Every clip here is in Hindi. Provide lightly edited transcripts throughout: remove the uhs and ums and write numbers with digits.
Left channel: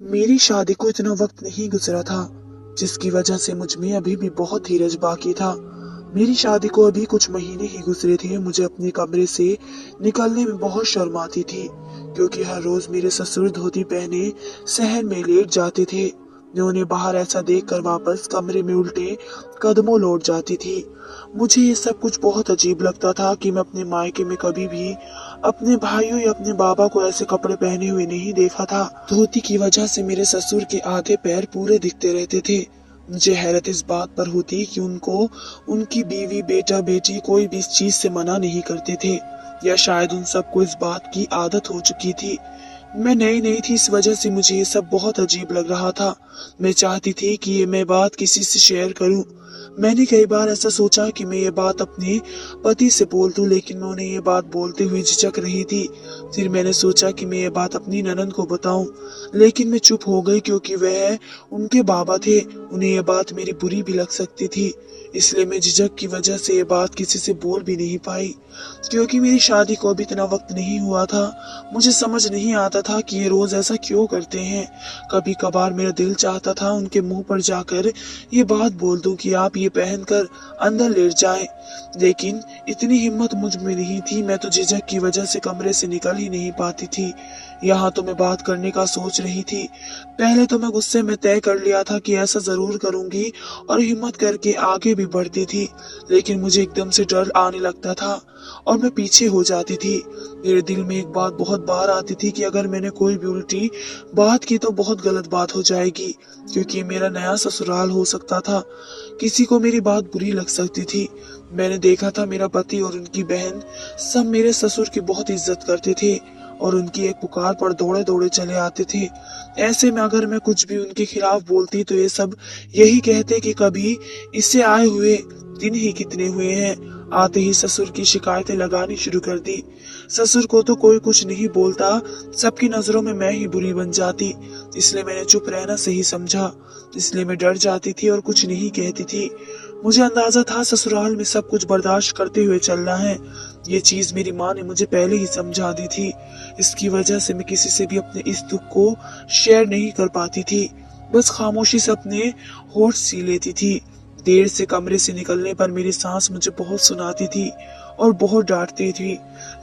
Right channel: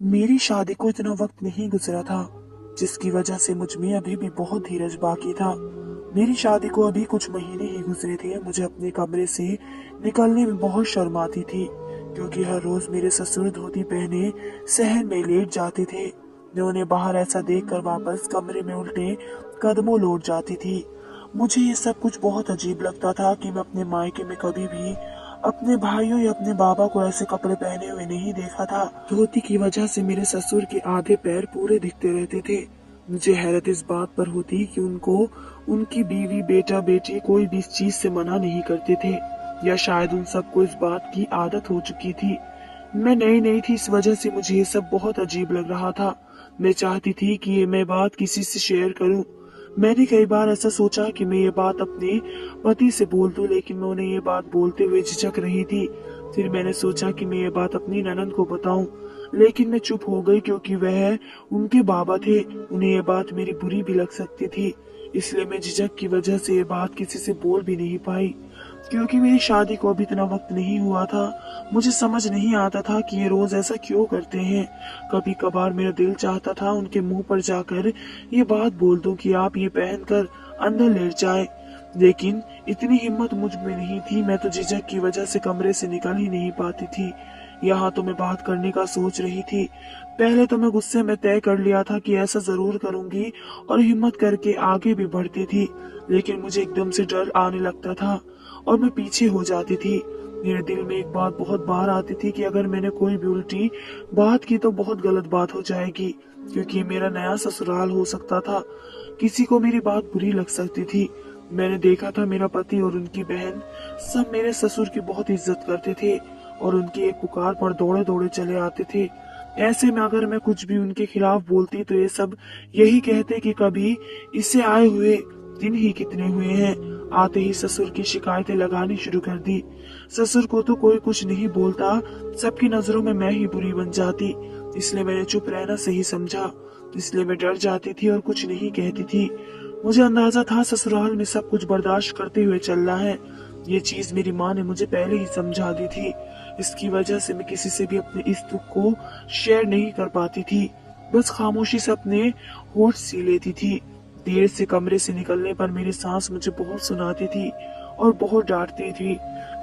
मेरी शादी को इतना वक्त नहीं गुजरा था, जिसकी वजह से मुझ में अभी भी बहुत धीरज बाकी था। मेरी शादी को अभी कुछ महीने ही गुजरे थे। मुझे अपने कमरे से निकलने में बहुत शर्म आती थी, क्योंकि हर रोज मेरे ससुर धोती पहने सहन में लेट जाते थे। मैं उन्हें बाहर ऐसा देखकर वापस कमरे में उल्टे कदमों लौट जाती थी। मुझे ये सब कुछ बहुत अजीब लगता था कि मैं अपने मायके में कभी भी अपने भाइयों या अपने बाबा को ऐसे कपड़े पहने हुए नहीं देखा था। धोती की वजह से मेरे ससुर के आधे पैर पूरे दिखते रहते थे। मुझे हैरत इस बात पर होती कि उनको उनकी बीवी बेटा बेटी कोई भी इस चीज से मना नहीं करते थे, या शायद उन सबको इस बात की आदत हो चुकी थी। मैं नई नई थी, इस वजह से मुझे ये सब बहुत अजीब लग रहा था। मैं चाहती थी कि ये मैं बात किसी से शेयर करूं। मैंने कई बार ऐसा सोचा कि मैं ये बात अपने पति से बोल दूं, लेकिन मैं उन्हें ये बात बोलते हुए झिझक रही थी। फिर मैंने सोचा कि मैं ये बात अपनी ननद को बताऊं, लेकिन मैं चुप हो गई, क्योंकि वह उनके बाबा थे। उन्हें ये बात मेरी बुरी भी लग सकती थी, इसलिए मैं झिझक की वजह से ये बात किसी से बोल भी नहीं पाई। क्योंकि मेरी शादी को अभी इतना वक्त नहीं हुआ था, मुझे समझ नहीं आता था कि ये रोज ऐसा क्यों करते हैं। कभी कभार मेरा दिल चाहता था उनके मुंह पर जाकर ये बात बोल दूं कि आप ये पहनकर अंदर लेट जाएं, लेकिन इतनी हिम्मत मुझ में नहीं थी। मैं तो झिझक की वजह से कमरे से निकल ही नहीं पाती थी। यहाँ तो मैं बात करने का सोच रही थी। पहले तो मैं गुस्से में तय कर लिया था कि ऐसा जरूर करूंगी, और हिम्मत करके आगे भी बढ़ती थी, लेकिन मुझे एकदम से डर आने लगता था और मैं पीछे हो जाती थी। मेरे दिल में एक बात बहुत बार आती थी कि अगर मैंने कोई भी उल्टी बात की तो बहुत गलत बात हो जाएगी, क्योंकि मेरा नया ससुराल हो सकता था। किसी को मेरी बात बुरी लग सकती थी। मैंने देखा था मेरा पति और उनकी बहन सब मेरे ससुर की बहुत इज्जत करते थे, और उनकी एक पुकार पर दौड़े दौड़े चले आते थे। ऐसे में अगर मैं कुछ भी उनके खिलाफ बोलती तो ये सब यही कहते कि कभी इसे आए हुए दिन ही कितने हुए हैं। आते ही ससुर की शिकायतें लगानी शुरू कर दी। ससुर को तो कोई कुछ नहीं बोलता, सबकी नजरों में मैं ही बुरी बन जाती, इसलिए मैंने चुप रहना सही समझा। इसलिए मैं डर जाती थी और कुछ नहीं कहती थी। मुझे अंदाजा था ससुराल में सब कुछ बर्दाश्त करते हुए चलना है। ये चीज मेरी माँ ने मुझे पहले ही समझा दी थी। इसकी वजह से मैं किसी से भी अपने इस दुख को शेयर नहीं कर पाती थी, बस खामोशी से अपने होठ सी लेती थी। देर से कमरे से निकलने पर मेरी सास मुझे बहुत सुनाती थी और बहुत डांटती थी,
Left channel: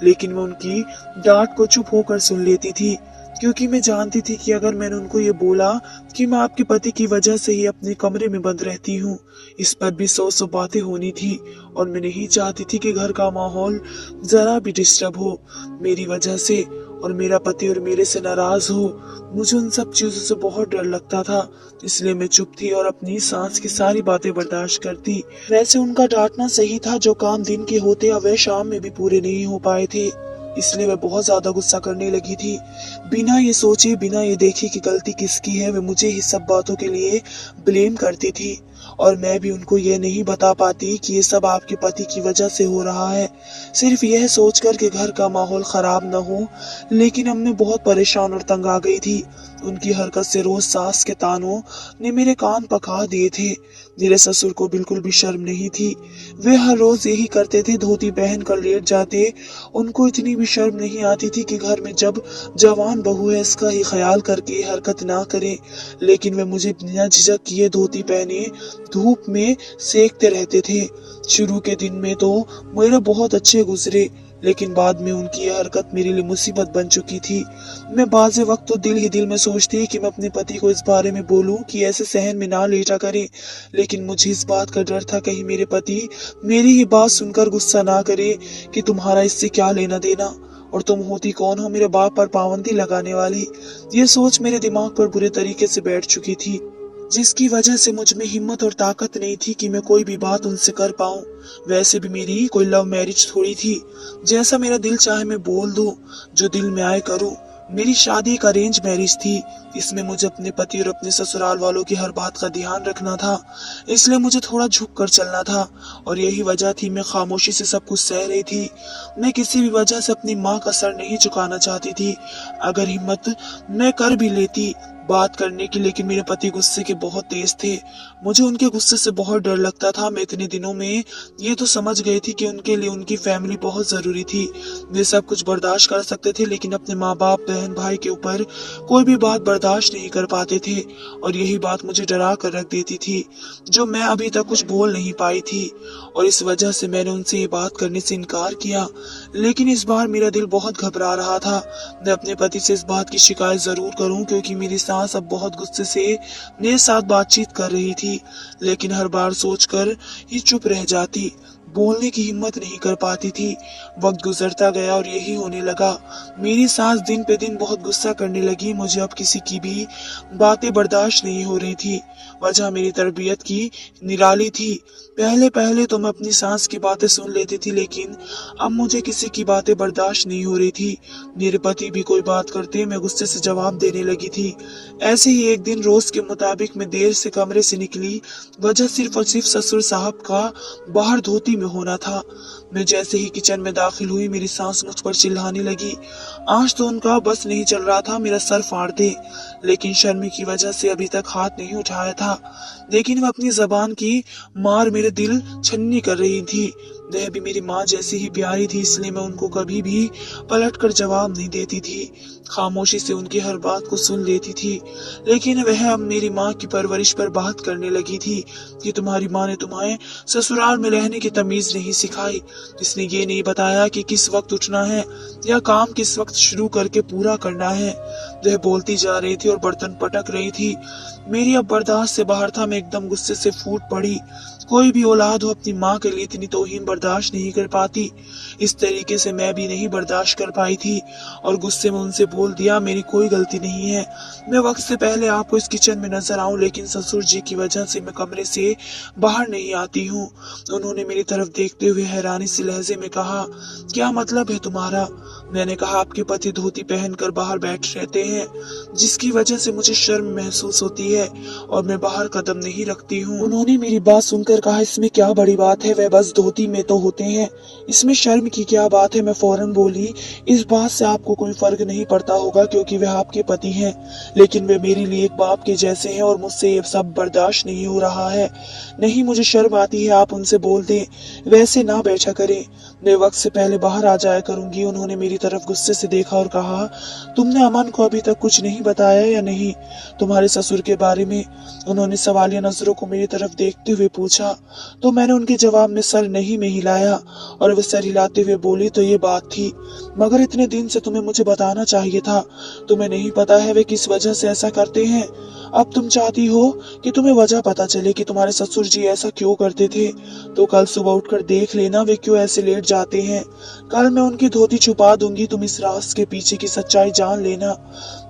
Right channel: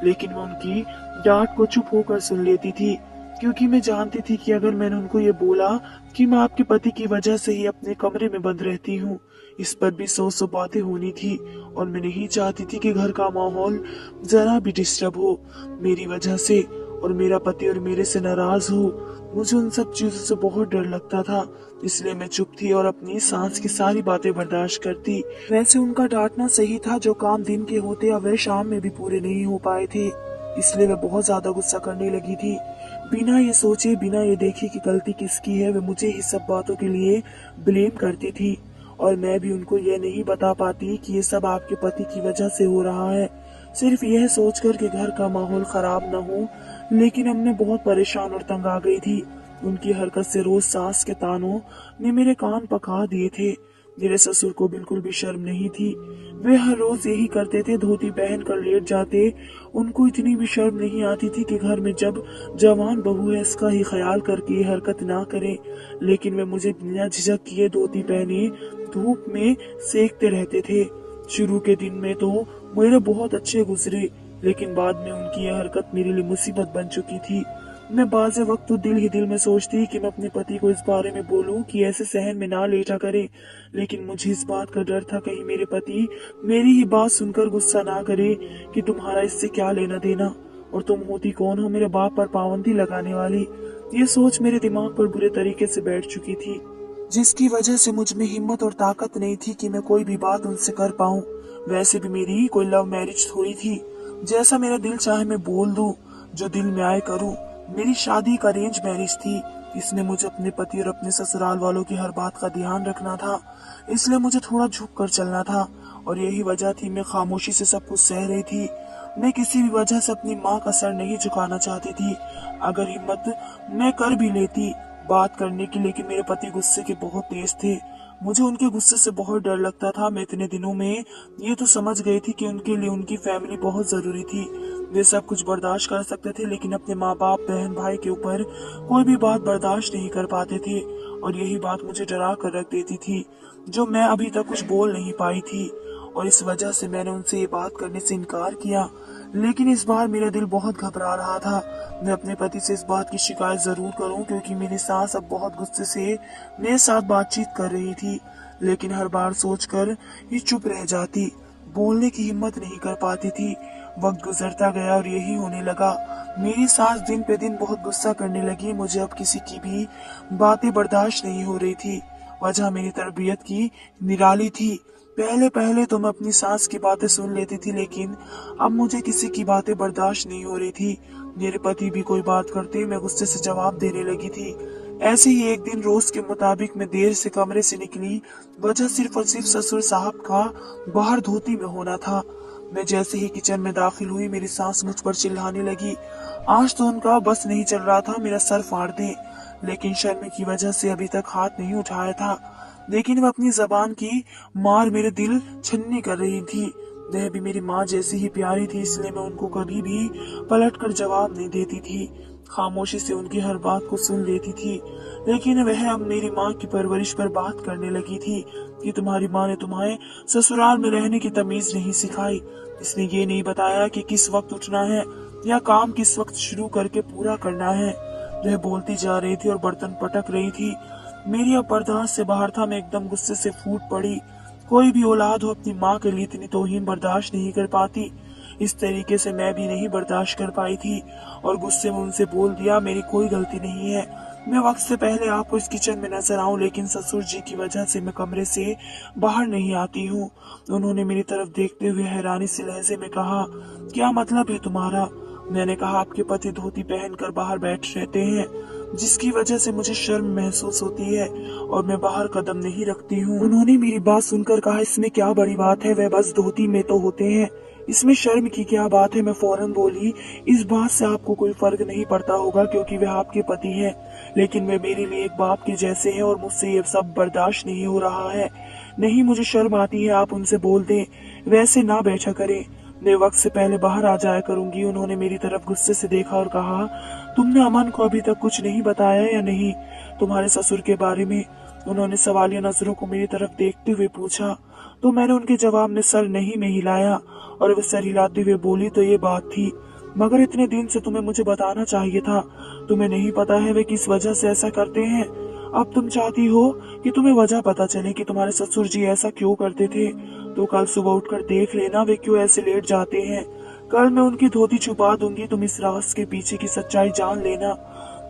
लेकिन मैं उनकी डांट को चुप होकर सुन लेती थी, क्योंकि मैं जानती थी कि अगर मैंने उनको ये बोला कि मैं आपके पति की वजह से ही अपने कमरे में बंद रहती हूँ, इस पर भी 100 बातें होनी थी, और मैं नहीं चाहती थी कि घर का माहौल जरा भी डिस्टर्ब हो मेरी वजह से, और मेरा पति और मेरे से नाराज हो। मुझे उन सब चीजों से बहुत डर लगता था, इसलिए मैं चुप थी और अपनी सांस की सारी बातें बर्दाश्त करती। वैसे उनका डांटना सही था, जो काम दिन के होते अब वह शाम में भी पूरे नहीं हो पाए थे, इसलिए मैं बहुत ज्यादा गुस्सा करने लगी थी। बिना ये सोचे, बिना ये देखे कि गलती किसकी है, वे मुझे ही सब बातों के लिए ब्लेम करती थी, और मैं भी उनको ये नहीं बता पाती कि ये सब आपके पति की वजह से हो रहा है, सिर्फ यह सोचकर कि घर का माहौल खराब न हो। लेकिन अब मैं बहुत परेशान और तंग आ गई थी। उनकी हरकत से रोज सास के तानों ने मेरे कान पका दिए थे। मेरे ससुर को बिल्कुल भी शर्म नहीं थी। वे हर रोज यही करते थे, धोती पहन कर लेट जाते। उनको इतनी भी शर्म नहीं आती थी कि घर में जब जवान बहू है इसका ही ख्याल करके हरकत ना करे, लेकिन वे मुझे बिना झिझक किए धोती पहने धूप में सेकते रहते थे। शुरू के दिन में तो मेरे बहुत अच्छे गुजरे, लेकिन बाद में उनकी यह हरकत मेरे लिए मुसीबत बन चुकी थी। मैं बाज़ वक्त तो दिल ही दिल में सोचती कि मैं अपने पति को इस बारे में बोलूं कि ऐसे सहन में ना लेटा करे, लेकिन मुझे इस बात का डर था कहीं मेरे पति मेरी ही बात सुनकर गुस्सा ना करे कि तुम्हारा इससे क्या लेना देना, और तुम होती कौन हो मेरे बाप पर पाबंदी लगाने वाली। ये सोच मेरे दिमाग पर बुरे तरीके से बैठ चुकी थी, जिसकी वजह से मुझ में हिम्मत और ताकत नहीं थी कि मैं कोई भी बात उनसे कर पाऊं। वैसे भी मेरी कोई लव मैरिज थोड़ी थी, जैसा मेरा दिल चाहे मैं बोल दूं, जो दिल में आए करूं। मेरी शादी एक अरेंज मैरिज थी, इसमें मुझे अपने पति और अपने ससुराल वालों की हर बात का ध्यान रखना था, इसलिए मुझे थोड़ा झुक कर चलना था, और यही वजह थी मैं खामोशी से सब कुछ सह रही थी। मैं किसी भी वजह से अपनी माँ का सर नहीं झुकाना चाहती थी। अगर हिम्मत मैं कर भी लेती, बात करने की, लेकिन मेरे पति गुस्से के बहुत तेज थे। मुझे उनके गुस्से से बहुत डर लगता था। मैं इतने दिनों में ये तो समझ गई थी कि उनके लिए उनकी फैमिली बहुत जरूरी थी। वे सब कुछ बर्दाश्त कर सकते थे, लेकिन अपने माँ बाप, बहन भाई के ऊपर कोई भी बात बर्दाश्त नहीं कर पाते थे। और यही बात मुझे डरा कर रख देती थी, जो मैं अभी तक कुछ बोल नहीं पाई थी। और इस वजह से मैंने उनसे ये बात करने से इनकार किया। लेकिन इस बार मेरा दिल बहुत घबरा रहा था। मैं अपने पति से इस बात की शिकायत जरूर करूं, क्योंकि मेरी सास अब बहुत गुस्से से मेरे साथ बातचीत कर रही थी। लेकिन हर बार सोचकर ही चुप रह जाती, बोलने की हिम्मत नहीं कर पाती थी। वक्त गुजरता गया और यही होने लगा। मेरी सास दिन पे दिन बहुत गुस्सा करने लगी। मुझे अब किसी की भी बातें बर्दाश्त नहीं हो रही थी। वजह मेरी तरबियत की निराली थी। पहले पहले तो मैं अपनी सास की बातें सुन लेती थी, लेकिन अब मुझे किसी की बातें बर्दाश्त नहीं हो रही थी। मेरे पति भी कोई बात करते मैं गुस्से से जवाब देने लगी थी। ऐसे ही एक दिन रोज के मुताबिक मैं देर से कमरे से निकली। वजह सिर्फ और सिर्फ ससुर साहब का बाहर धोती में होना था। मैं जैसे ही किचन में दाखिल हुई, मेरी सास मुझ पर चिल्लाने लगी। आज तो उनका बस नहीं चल रहा था मेरा सर फाड़ दे, लेकिन शर्म की वजह से अभी तक हाथ नहीं उठाया था। लेकिन वह अपनी जबान की मार मेरे दिल छन्नी कर रही थी। वह भी मेरी माँ जैसी ही प्यारी थी, इसलिए मैं उनको कभी भी पलट कर जवाब नहीं देती थी। खामोशी से उनकी हर बात को सुन लेती थी। लेकिन वह अब मेरी माँ की परवरिश पर बात करने लगी थी कि तुम्हारी माँ ने तुम्हें ससुराल में रहने की तमीज नहीं सिखाई। इसने ये नहीं बताया कि किस वक्त उठना है या काम किस वक्त शुरू करके पूरा करना है। वह बोलती जा रही थी और बर्तन पटक रही थी। मेरी अब बर्दाश्त से बाहर था। मैं एकदम गुस्से से फूट पड़ी। कोई भी औलाद हो अपनी माँ के लिए इतनी तौहीन बर्दाश्त नहीं कर पाती। इस तरीके से मैं भी नहीं बर्दाश्त कर पाई थी और गुस्से में उनसे बोल दिया, मेरी कोई गलती नहीं है। मैं वक्त से पहले आपको इस किचन में नजर आऊं, लेकिन ससुर जी की वजह से मैं कमरे से बाहर नहीं आती हूँ। उन्होंने मेरी तरफ देखते हुए हैरानी से लहजे में कहा, क्या मतलब है तुम्हारा? मैंने कहा, आपके पति धोती पहनकर बाहर बैठ रहते हैं, जिसकी वजह से मुझे शर्म महसूस होती है और मैं बाहर कदम नहीं रखती हूँ। उन्होंने मेरी बात सुनकर कहा, इसमें क्या बड़ी बात है, वे बस धोती में तो होते हैं, इसमें शर्म की क्या बात है? मैं फौरन बोली, इस बात से आपको कोई फर्क नहीं पड़ता होगा क्योंकि वे आपके पति हैं, लेकिन वे मेरे लिए एक बाप के जैसे हैं और मुझसे ये सब बर्दाश्त नहीं हो रहा है। नहीं, मुझे शर्म आती है, आप उनसे बोल दें, वैसे ना बैठा करें, मैं वक्त से पहले बाहर आ जाया करूंगी। उन्होंने मेरी तरफ गुस्से से देखा और कहा, तुमने अमन को अभी तक कुछ नहीं बताया या नहीं, तुम्हारे ससुर के बारे में? उन्होंने सवालिया नजरों को मेरी तरफ देखते हुए पूछा, तो मैंने उनके जवाब में सर नहीं में हिलाया और वे सर हिलाते हुए बोली, तो ये बात थी, मगर इतने दिन से तुम्हें मुझे बताना चाहिए था। तुम्हें नहीं पता है वे किस वजह से ऐसा करते हैं। अब तुम चाहती हो कि तुम्हें वजह पता चले कि तुम्हारे ससुर जी ऐसा क्यों करते थे, तो कल सुबह उठकर देख लेना वे क्यों ऐसे लेट जाते हैं। कल मैं उनकी धोती छुपा दूंगी, तुम इस राज के पीछे की सच्चाई जान लेना।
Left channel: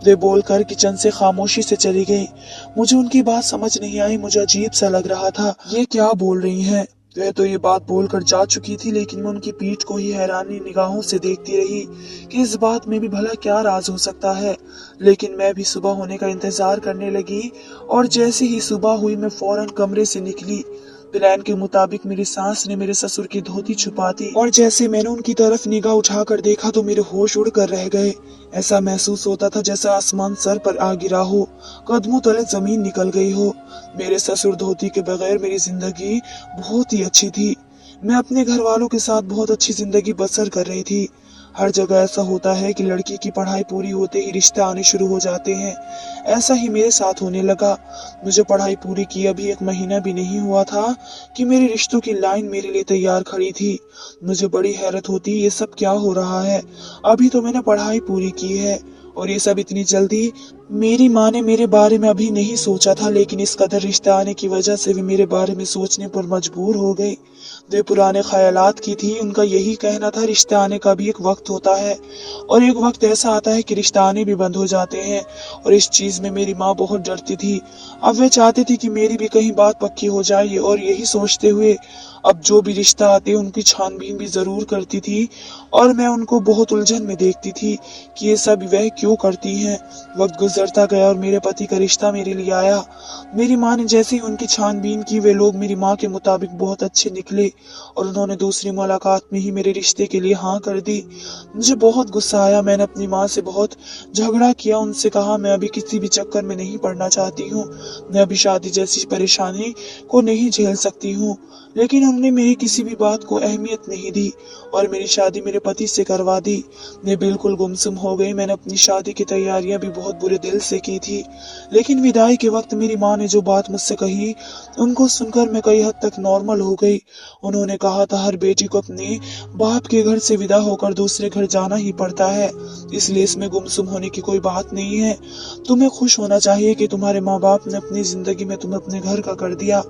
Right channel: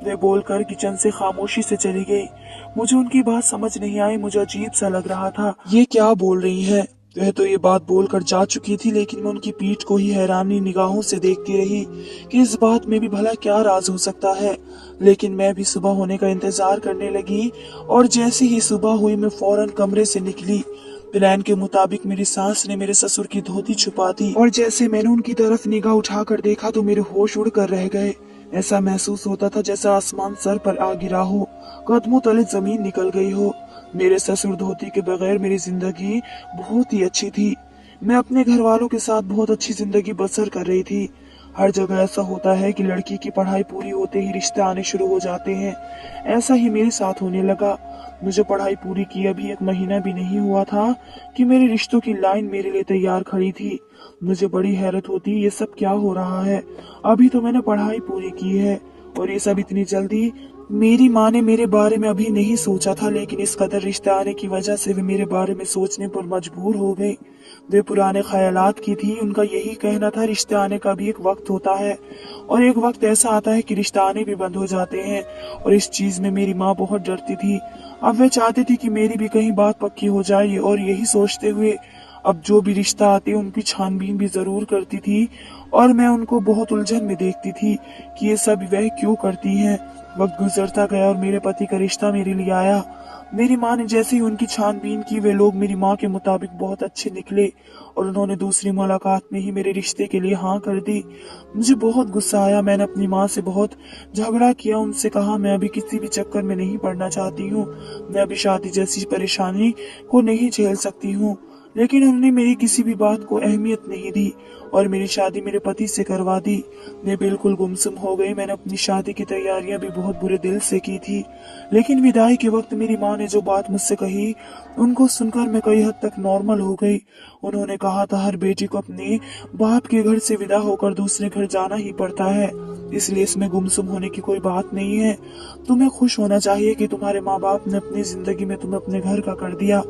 वे बोलकर किचन से खामोशी से चली गई। मुझे उनकी बात समझ नहीं आई। मुझे अजीब सा लग रहा था, ये क्या बोल रही हैं? वह तो ये बात बोलकर जा चुकी थी, लेकिन मैं उनकी पीठ को ही हैरानी निगाहों से देखती रही कि इस बात में भी भला क्या राज हो सकता है। लेकिन मैं भी सुबह होने का इंतजार करने लगी और जैसे ही सुबह हुई मैं फौरन कमरे से निकली। प्लान के मुताबिक मेरी सास ने मेरे ससुर की धोती छुपा दी और जैसे मैंने उनकी तरफ निगाह उठाकर देखा तो मेरे होश उड़ कर रह गए। ऐसा महसूस होता था जैसा आसमान सर पर आ गिरा हो, कदमों तले जमीन निकल गई हो। मेरे ससुर धोती के बगैर मेरी जिंदगी बहुत ही अच्छी थी। मैं अपने घर वालों के साथ बहुत अच्छी जिंदगी बसर कर रही थी। हर जगह ऐसा होता है कि लड़की की पढ़ाई पूरी होते ही रिश्ते आने शुरू हो जाते हैं। ऐसा ही मेरे साथ होने लगा। मुझे पढ़ाई पूरी किए अभी 1 महीना भी नहीं हुआ था कि मेरे रिश्तों की लाइन मेरे लिए तैयार खड़ी थी। मुझे बड़ी हैरत होती, ये सब क्या हो रहा है? अभी तो मैंने पढ़ाई पूरी की है और ये सब इतनी जल्दी। मेरी माँ ने मेरे बारे में अभी नहीं सोचा था, लेकिन इस कदर रिश्ते आने की वजह से वे मेरे बारे में सोचने पर मजबूर हो गई। वे पुराने ख्यालात की थी। उनका यही कहना था, रिश्ते आने का भी एक वक्त होता है और एक वक्त ऐसा आता है कि रिश्ते आने भी बंद हो जाते हैं। और इस चीज में मेरी माँ बहुत डरती थी। अब वे चाहती थी कि मेरी भी कहीं बात पक्की हो जाए और यही सोचते हुए अब जो भी रिश्ता आते उनकी छानबीन भी जरूर करती थी और मैं उनको बहुत उलझन में देखती थी कि ये सब वह क्यों करती हैं। वक्त गुजरता गया और मेरे पति का रिश्ता मेरे लिए आया। मेरी माँ ने जैसे ही उनकी छानबीन की, वे लोग मेरी माँ के मुताबिक बहुत अच्छे निकले और उन्होंने दूसरी मुलाकात में ही मेरे रिश्ते के लिए हाँ कर दी। मुझे बहुत गुस्सा आया। मैंने अपनी माँ से बहुत झगड़ा किया, उनसे कहा मैं अभी किसी भी चक्कर में नहीं पड़ना चाहती हूँ, मैं अभी शादी जैसी परेशानी को नहीं झेल सकती हूँ। लेकिन उन्होंने मेरी किसी भी बात को अहमियत नहीं दी और मेरी शादी मेरे पति से करवा दी। मैं बिल्कुल गुमसुम हो गई। मैंने अपनी शादी की तैयारियां भी बहुत बुरे दिल से की थी, लेकिन विदाई के वक्त मेरी माँ ने जो बात मुझसे कही, उनको सुनकर मैं कई हद तक नॉर्मल हो गई। उन्होंने कहा था हर बेटी को अपने बाप के घर से विदा होकर दूसरे घर जाना ही पड़ता है, इसलिए इसमें गुमसुम होने की कोई बात नहीं है। तुम्हें खुश होना चाहिए कि तुम्हारे माँ बाप ने अपनी जिंदगी में तुम्हें अपने घर का कर दिया।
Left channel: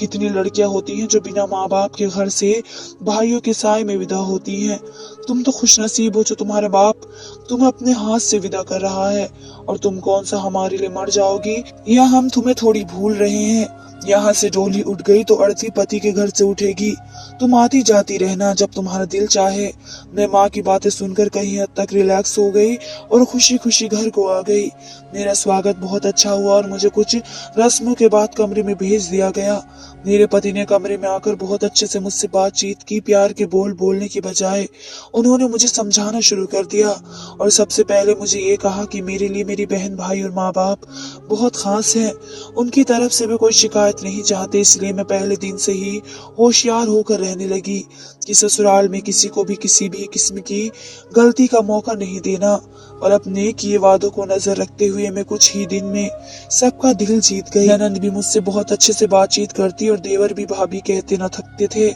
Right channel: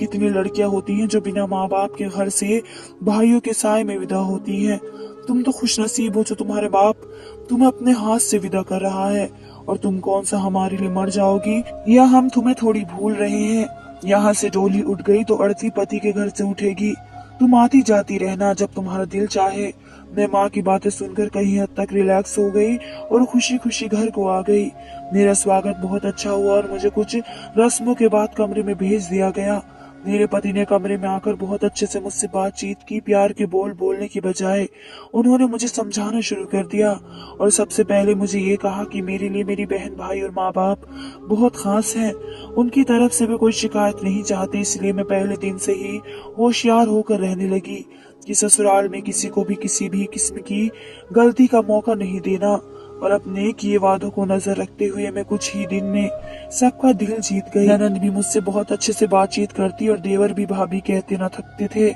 कितनी लड़कियां होती हैं जो बिना माँ बाप के घर से भाइयों के साए में विदा होती हैं। तुम तो खुश नसीब हो जो तुम्हारे बाप तुम्हें अपने हाथ से विदा कर रहा है। और तुम कौन सा हमारे लिए मर जाओगी, या हम तुम्हें थोड़ी भूल रहे हैं। यहाँ से डोली उठ गई तो अर्थी पति के घर से उठेगी। तुम आती जाती रहना जब तुम्हारा दिल चाहे। मैं माँ की बातें सुनकर कहीं हद तक रिलैक्स हो गई और खुशी खुशी घर को आ गई। मेरा स्वागत बहुत अच्छा हुआ और मुझे कुछ रस्मों के बाद कमरे में भेज दिया गया। मेरे पति ने कमरे में आकर बहुत अच्छे से मुझसे बातचीत की। प्यार के बोल बोलने की बजाय उन्होंने मुझे समझाना शुरू कर दिया और सबसे पहले मुझे ये कहा कि मेरे लिए मेरी बहन भाई और माँ बाप बहुत खास हैं। उनकी तरफ से वे कोई शिकायत नहीं चाहते, इसलिए मैं पहले दिन से ही होशियार होकर रहने लगी कि ससुराल में किसी को भी किसी भी किस्म की गलती का मौका नहीं देना। और अपने किए वादों को नजर रखते हुए मैं कुछ ही दिन में सबका दिल जीत गई। ननंद भी मुझसे बहुत अच्छे से बातचीत करती और देवर भी भाभी कहते न थकते थे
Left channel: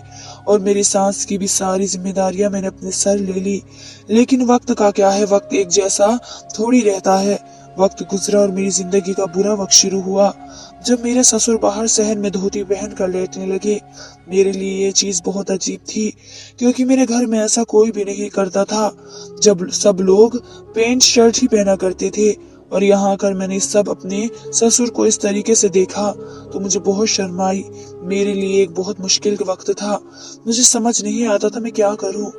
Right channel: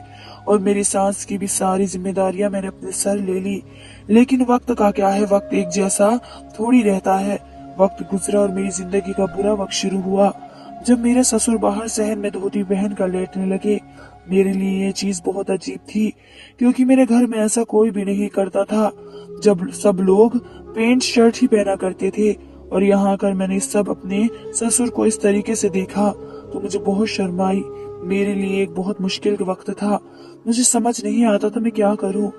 और मेरी सास की भी सारी जिम्मेदारियां मैंने अपने सर ले ली। लेकिन वक्त का क्या है, वक्त एक जैसा थोड़ी रहता है। वक्त गुजरा और मेरी जिंदगी का बुरा वक्त शुरू हुआ जब मेरे ससुर बाहर शहर में धोती पहन कर लेटने लगे। मेरे लिए ये चीज बहुत अजीब थी क्योंकि मेरे घर में ऐसा कोई भी नहीं करता था। जब सब लोग पैंट शर्ट ही पहना करते थे और यहाँ आकर मैंने सब अपने ससुर को इस तरीके से देखा तो मुझे बहुत शर्म आई। मेरे लिए एक बहुत मुश्किल वक्त था। मुझे समझ नहीं आता था मैं क्या करूं।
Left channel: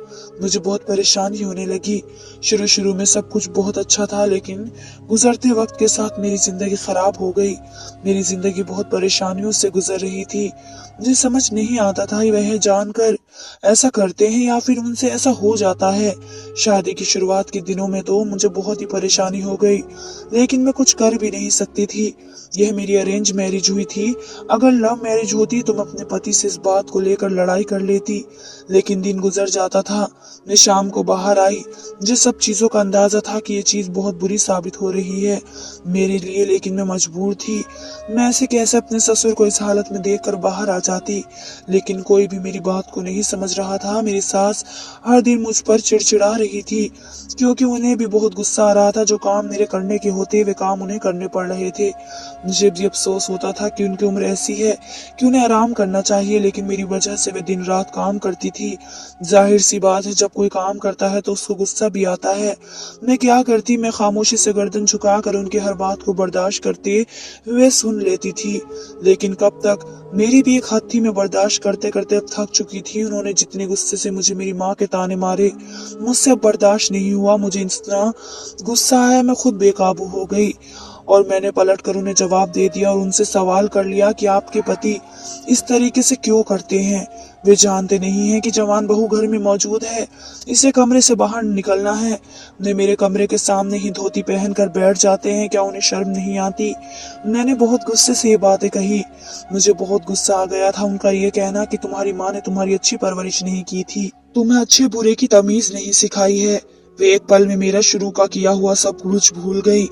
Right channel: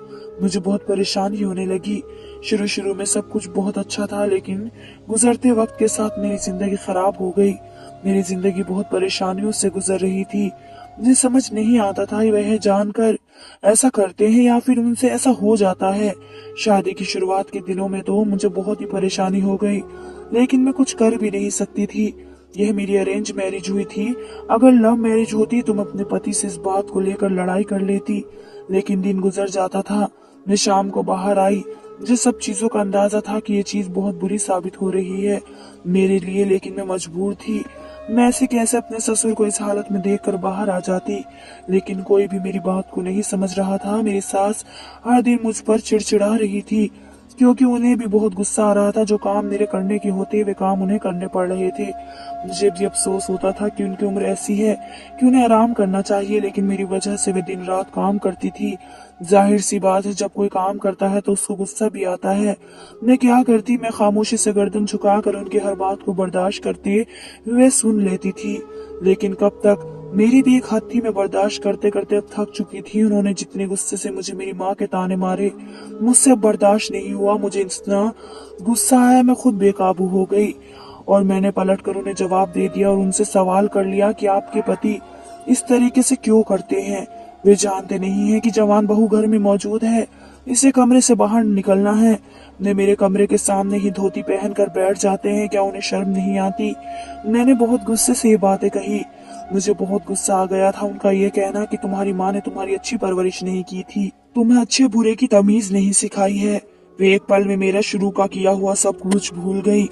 मुझे बहुत परेशानी होने लगी। शुरू शुरू में सब कुछ बहुत अच्छा था, लेकिन गुजरते वक्त के साथ मेरी जिंदगी खराब हो गई। मेरी जिंदगी बहुत परेशानियों से गुजर रही थी। मुझे समझ नहीं आता था वह जानकर ऐसा करते हैं या फिर उनसे ऐसा हो जाता है। शादी की शुरुआत के दिनों में तो मुझे बहुत ही परेशानी हो गई, लेकिन मैं कुछ कर भी नहीं सकती थी। यह मेरी अरेंज मैरिज हुई थी। अगर लव मैरिज होती तो मैं अपने पति से इस बात को लेकर लड़ाई कर लेती, लेकिन दिन गुजर जाता था। मैं शाम को बाहर आई। मुझे सब चीजों का अंदाजा था कि ये चीज बहुत बुरी साबित हो रही है मेरे लिए, लेकिन मैं मजबूर थी। मैं ऐसे कैसे अपने ससुर को इस हालत में देखकर बाहर आ जाती, लेकिन कोई भी मेरी बात को नहीं समझ रहा था। मेरी सास हर दिन मुझ पर चिड़चिड़ा रही थी क्योंकि उन्हें भी बहुत गुस्सा आ रहा था। जो काम मेरे करने के होते वे काम उन्हें करने पड़ रहे थे। मुझे भी अफसोस होता था कि उनकी उम्र ऐसी है कि उन्हें आराम करना चाहिए, लेकिन मेरी वजह से वे दिन रात काम करती थी। जाहिर सी बात है, जब कोई काम करता है तो उसको गुस्सा भी आता है। मैं क्या करती, मैं खामोशी से गर्दन झुकाकर उनकी हर बात को बर्दाश्त करते हुए सुन लेती थी। लेकिन कब तक, मेरी भी एक हद थी। मैं बर्दाश्त करते करते अब थक चुकी थी। उन्होंने जितने गुस्से से मुझे मेरी माँ के ताने मारे, मुझसे अब बर्दाश्त नहीं हुआ। मुझे इतना गुस्सा आया मैं खुद बेकाबू हो गई और मैंने पलट कर उन्हें जवाब दे दिया और उनसे सवाल कर लिया कि आपके पति इस तरीके से क्यों करते हैं। वे जानते नहीं हैं कि जवान बहू घर में मौजूद है, इसे कमरे से बाहर निकलना है। वे मेरे कमरे के सामने ही धोती पहन कर बैठ जाते हैं, क्या उन्हें शर्म नहीं आती। मैंने बहुत गुस्से से ये बातें कही। मुझे बहुत गुस्सा आ गया था उनका ये कहना कि तुम्हारी माँ ने तुम्हारी अच्छी परवरिश नहीं की थी, तुम्हें अच्छे बुरे की तमीज नहीं सिखाई है। वे एक पल में मेरा शुरू का किया हुआ सब कुछ भूल गई।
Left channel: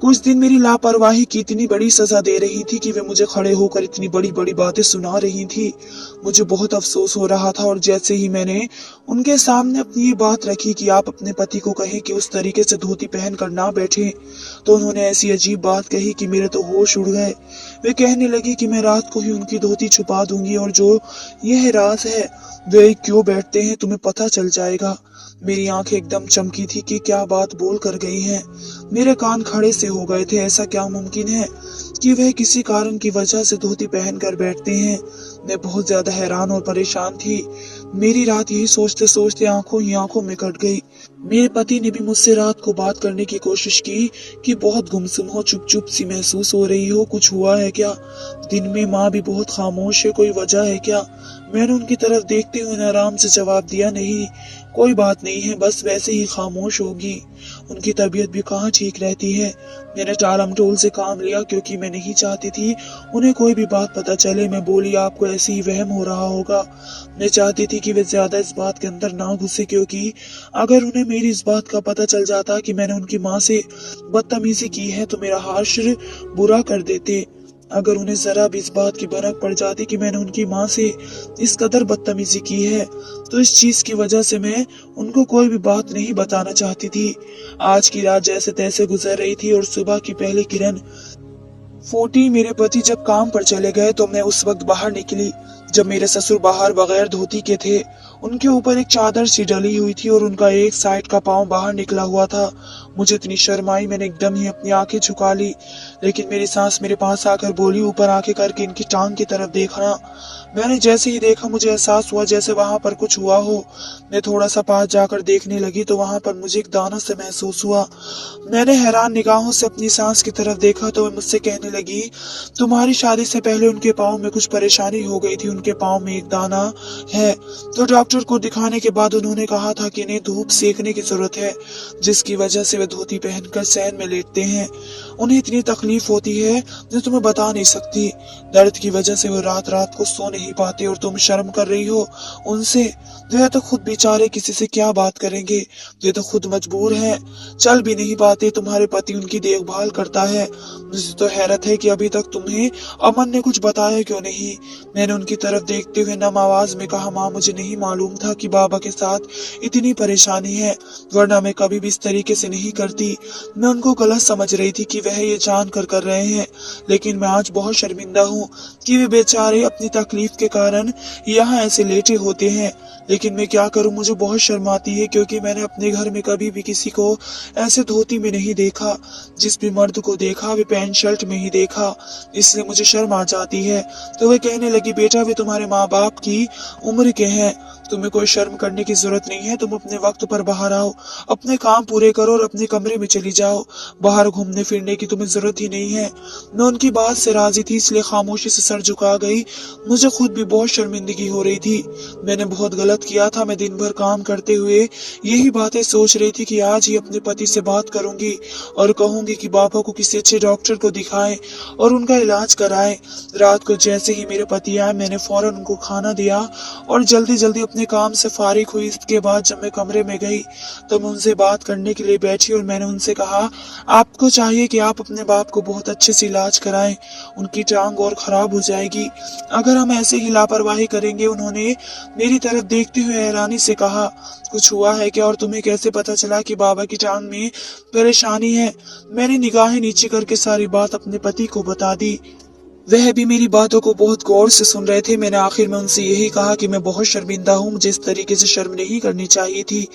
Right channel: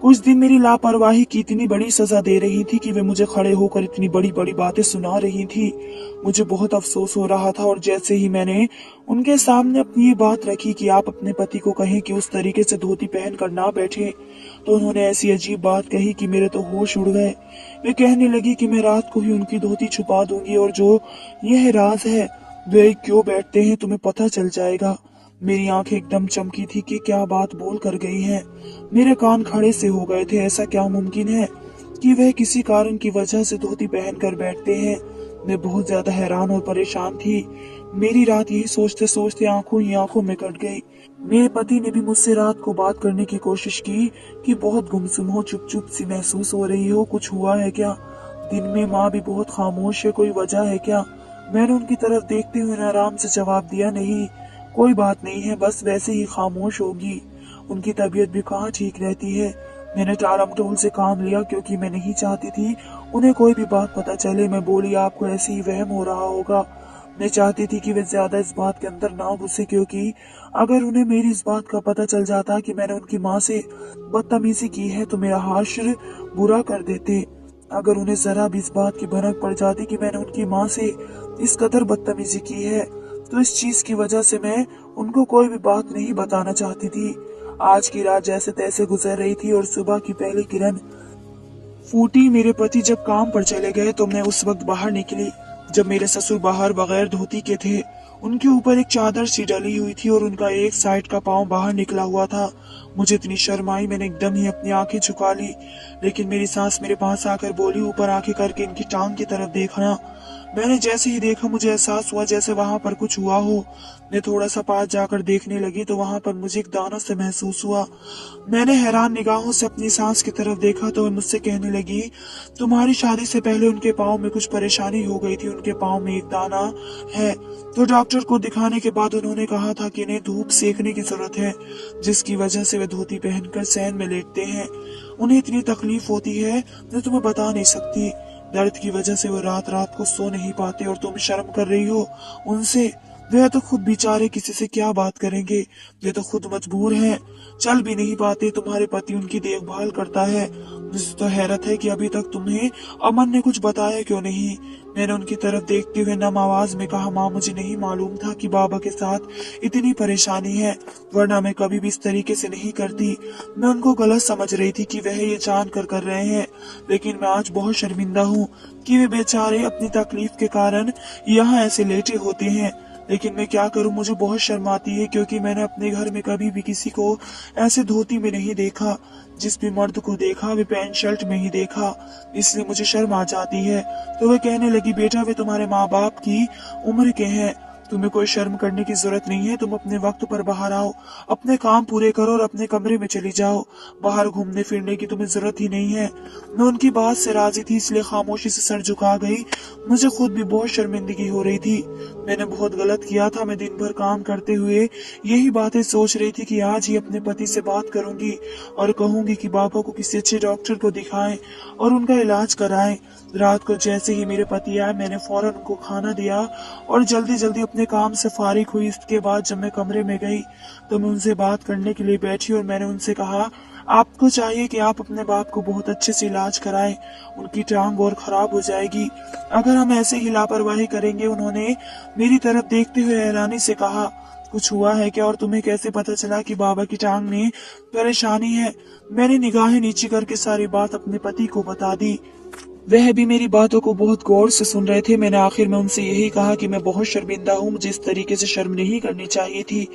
कुछ दिन मेरी लापरवाही की इतनी बड़ी सजा दे रही थी कि वे मुझे खड़े होकर इतनी बड़ी बड़ी बातें सुना रही थी। मुझे बहुत अफसोस हो रहा था और जैसे ही मैंने उनके सामने अपनी ये बात रखी कि आप अपने पति को कहें कि उस तरीके से धोती पहन कर ना बैठें, तो उन्होंने ऐसी अजीब बात कही कि मेरे तो होश उड़ गए। वे कहने लगी कि मैं रात को ही उनकी धोती छुपा दूंगी और जो यह राज है वे क्यों बैठते हैं तुम्हें पता चल जाएगा। मेरी आंखें एकदम चमकी थी कि क्या बात बोल कर गई हैं। मेरे कान खड़े से हो गए थे। ऐसा क्या मुमकिन है? कि वह किसी कारण की वजह से धोती पहन कर बैठते हैं। मैं बहुत ज्यादा हैरान और परेशान थी। मेरी रात यही सोचते सोचते आंखों ही आंखों में कट गई। मेरे पति ने भी मुझसे रात को बात करने की कोशिश की कि बहुत गुमसुम हो, चुप चुप सी महसूस हो रही हो, कुछ हुआ है क्या। दिन में माँ भी बहुत खामोश है, कोई वजह है क्या। मैंने उनकी तरफ देखते हुए आराम से जवाब दिया, नहीं कोई बात नहीं है, बस वैसे ही खामोश होगी। उनकी तबीयत भी कहाँ ठीक रहती है। मैंने टालमटोल से काम लिया क्योंकि मैं नहीं चाहती थी उन्हें कोई भी बात पता चले। मैं बोली, आपको ऐसे ही वहम हो रहा होगा। मैं चाहती थी कि वे ज्यादा इस बात के अंदर ना घुसे, क्योंकि अगर उन्हें मेरी इस बात का पता चल जाता कि मैंने उनकी माँ से बदतमीजी की है तो मेरा हाशिर बुरा कर देते। अगर उन्हें जरा भी इस बात की भनक पड़ जाती कि मैंने उनकी माँ से इस कदर बदतमीजी की है तो इस चीज की वजह से मैं उनको कोई भी बात नहीं बताना चाहती थी। आज की रात जैसे तैसे गुजर रही थी और सुबह की पहली किरण फूटी। मेरे पति जब काम पर चले गए तो मैं उस वक्त बाहर निकली जब मेरे ससुर बाहर बगैर धोती के थे। उनके ऊपर एक चादर सी डली हुई थी और उनका एक साइड का पांव बाहर निकला हुआ था। मुझे इतनी शर्म आई, मैंने एकदम ही अपनी आंखें झुका ली। लेकिन मेरी सास मेरे पास आकर बोली, ऊपर आंखें करके इनकी टांग की तरफ देखना। मैंने जैसे ही देखा मुझे एहसास हुआ जैसे वहां पर कुछ हुआ हो। मैं थोड़ा सा पास जाकर देखने लगी तो वहां पर मुझे एक दाना से महसूस हुआ। मैंने हैरान निगाहों से अपनी सास की तरफ देखा तो वह मुझसे कहने लगी, तुम्हारी शादी से पहले उनके पाँव में कुछ परेशानी हो गई थी, उनके पाँव में एक दाना है। तो डॉक्टर को दिखाने के बाद उन्होंने कहा था कि इन्हें धूप सेकने की जरूरत है, जिसकी वजह से वे धोती पहनकर सैन में लेटते हैं। उन्हें इतनी तकलीफ होती है जो तुम्हें बता नहीं सकती। दर्द की वजह से वो रात रात को सो नहीं पाते और तुम शर्म कर रही हो उनसे। वे तो खुद बेचारे किसी से क्या बात करेंगे, वे तो खुद मजबूर है, चल भी नहीं पाते। तुम्हारे पति उनकी देखभाल करता है। मुझे तो हैरत है कि अभी तक तुम्हें अमन ने कुछ बताया क्यों नहीं। मैंने उनकी तरफ देखते हुए नम आवाज में कहा, माँ मुझे नहीं मालूम था कि बाबा के साथ इतनी परेशानी है, वरना मैं कभी भी इस तरीके से नहीं करती। मैं उनको गलत समझ रही थी कि वह ये जान कर रहे हैं, लेकिन मैं आज बहुत शर्मिंदा हूँ कि वे बेचारे अपनी तकलीफ के कारण यहाँ ऐसे लेटे होते हैं। लेकिन मैं क्या करूँ, मुझे बहुत शर्म आती है क्योंकि मैंने अपने घर में कभी भी किसी को ऐसे धोती में नहीं देखा। जिस भी मर्द को देखा वे पैंट शर्ट में ही देखा, इसलिए मुझे शर्म आ जाती है। तो वह कहने लगी, बेटा वे तुम्हारे माँ बाप की उम्र के हैं, तुम्हें कोई शर्म करने की जरूरत नहीं है। तुम अपने वक्त पर बाहर आओ, अपने काम पूरे करो और अपने कमरे में चली जाओ। बाहर घूमने फिरने की तुम्हें जरूरत ही नहीं है। मैं उनकी बात से राजी थी इसलिए खामोशी से सर झुका गई। मुझे खुद भी बहुत शर्मिंदगी हो रही थी। मैंने बहुत गलत किया था। मैं दिन भर काम करते हुए यही बातें सोच रही थी कि आज ही अपने पति से बात करूंगी और कहूंगी कि बाबा को किसी अच्छे डॉक्टर को दिखाएं और उनका इलाज कराएं। रात को जैसे ही मेरे पति आए मैंने फौरन उनको खाना दिया और जल्दी जल्दी अपने काम से फारिग हुई। इसके बाद जब मैं कमरे में गई तो मैं उनसे बात करने के लिए बैठी और मैंने उनसे कहा, आपको चाहिए कि आप अपने बाप को बहुत अच्छे से इलाज कराएं, उनकी टांग और खराब हो जाएगी अगर हम ऐसे ही लापरवाही करेंगे। उन्होंने मेरी तरफ देखते हुए हैरानी से कहा, कुछ हुआ है क्या और तुम्हें कैसे पता चला कि बाबा की टांग में परेशानी है। मैंने निगाहें नीचे करके सारी बात अपने पति को बता दी। वह भी मेरी बातों को बहुत गौर से सुन रहे थे। मैंने आखिर में उनसे यही कहा कि मैं बहुत शर्मिंदा हूँ, मुझे इस तरीके से शर्म नहीं करनी चाहिए थी।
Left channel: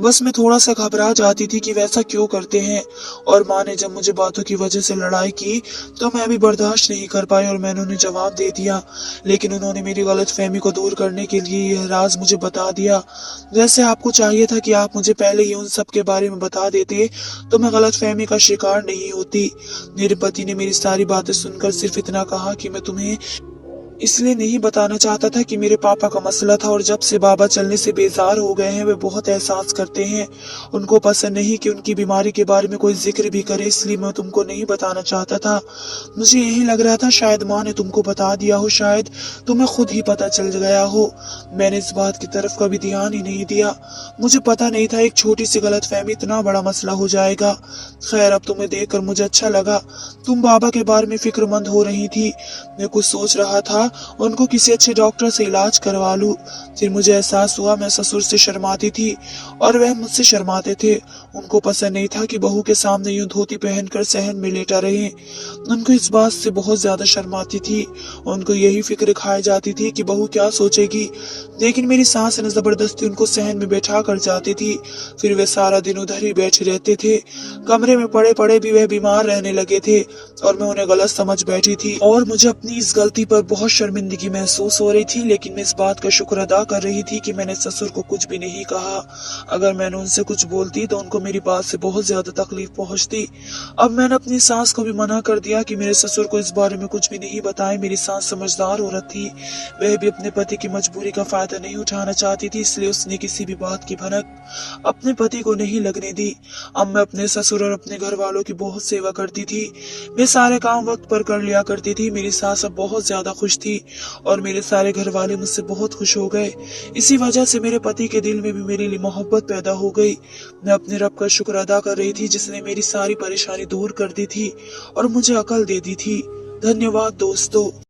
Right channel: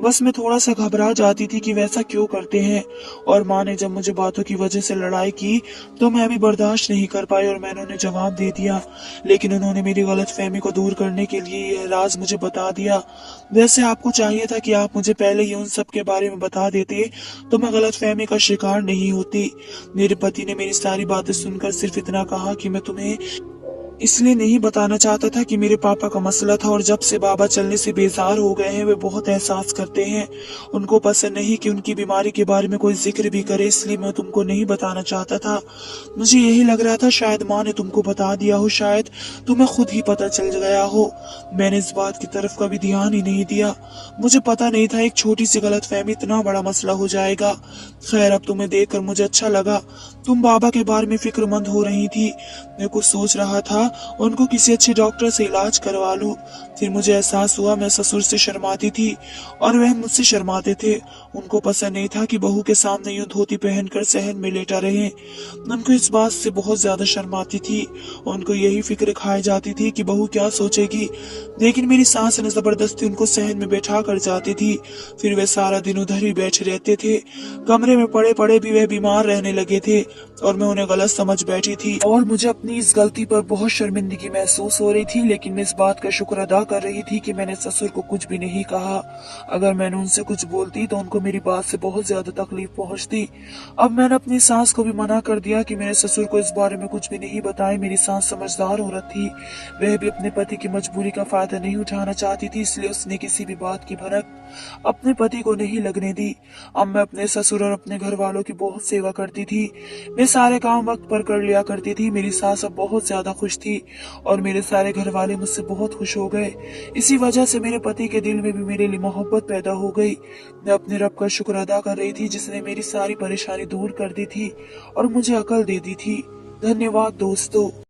बस मैं थोड़ा सा घबरा जाती थी कि वैसा क्यों करते हैं। और माँ ने जब मुझे बातों की वजह से लड़ाई की तो मैं भी बर्दाश्त नहीं कर पाई और मैंने उन्हें जवाब दे दिया। लेकिन उन्होंने मेरी गलतफहमी को दूर करने के लिए यह राज मुझे बता दिया। वैसे आपको चाहिए था कि आप मुझे पहले ही उन सब के बारे में बता देते तो मैं गलतफहमी का शिकार नहीं होती। मेरे पति ने मेरी सारी बातें सुनकर सिर्फ इतना कहा कि मैं तुम्हें इसलिए नहीं बताना चाहता था कि मेरे पापा का मसला था और जब से बाबा चलने से बेजार हो गए हैं वे बहुत एहसास करते हैं। उनको पसंद नहीं कि उनकी बीमारी के बारे में कोई जिक्र भी करे, इसलिए मैं तुमको नहीं बताना चाहता था। मुझे यही लग रहा था शायद माँ ने तुमको बता दिया हो, शायद तुम्हें खुद ही पता चल गया हो। मैंने इस बात की तरफ कभी ध्यान ही नहीं दिया। मुझे पता नहीं था एक छोटी सी गलतफहमी इतना बड़ा मसला हो जाएगा। खैर अब तुम्हें देखकर मुझे अच्छा लगा। तुम बाबा के बारे में फिक्रमंद हो रही थी। मैं कुछ सोच रहा था था उनको किसी अच्छे डॉक्टर से इलाज करवा लूं। फिर मुझे एहसास हुआ मैं ससुर से शर्माती थी और वह मुझसे शर्माते थे। उनको पसंद नहीं था कि बहू के सामने यूं धोती पहनकर सहन में लेटा रहे। उनको इस बात से बहुत ज्यादा शर्म आती थी। उनको यही फिक्र खाई जाती थी कि बहू क्या सोचेगी। लेकिन मेरी सास ने जबरदस्ती उनको सहन में बैठा कर जाती थी। फिर वे सारा दिन उधर ही बैठे रहते थे। कमरे में पड़े पड़े भी वह बीमार रहने लगे थे और मैं उन्हें गलत समझ बैठी थी और मुझे अपनी इस गलती पर बहुत शर्मिंदगी महसूस हो रही थी। लेकिन मैं इस बात का शुक्र अदा कर रही थी कि मैंने ससुर को कुछ भी नहीं कहा। अगर मैंने उनसे कुछ बोलती तो उनको मेरी बात से बहुत ज्यादा तकलीफ पहुंचती। अब मैंने अपनी सास को भी मना कर दिया कि मेरे ससुर को इस बारे में कुछ भी नहीं बताए। मेरी सास समझदार औरत थी, वह भी अपने पति की मजबूरी का फायदा नहीं उठाना चाहती थी, इसलिए उसने किसी भी बात की भनक अपने पति को नहीं लगने दी। अब मैं अपने ससुर और अपने घर वालों की बहुत सेवा करती थी। मैं सारे काम वक्त पर कर लिया करती थी। मेरी सास अब बहुत ज्यादा खुश थी और मेरे सारे घर वाले मुझसे बहुत खुश हो गए। इसी वजह से मेरे पति के दिल में भी मेरे लिए मोहब्बत पैदा हो गई। मैं अपने रब का शुक्र अदा कर रही थी जिसने मेरी सारी परेशानी दूर कर दी थी और मुझे अकल दे दी थी। धन्यवाद दोस्तों।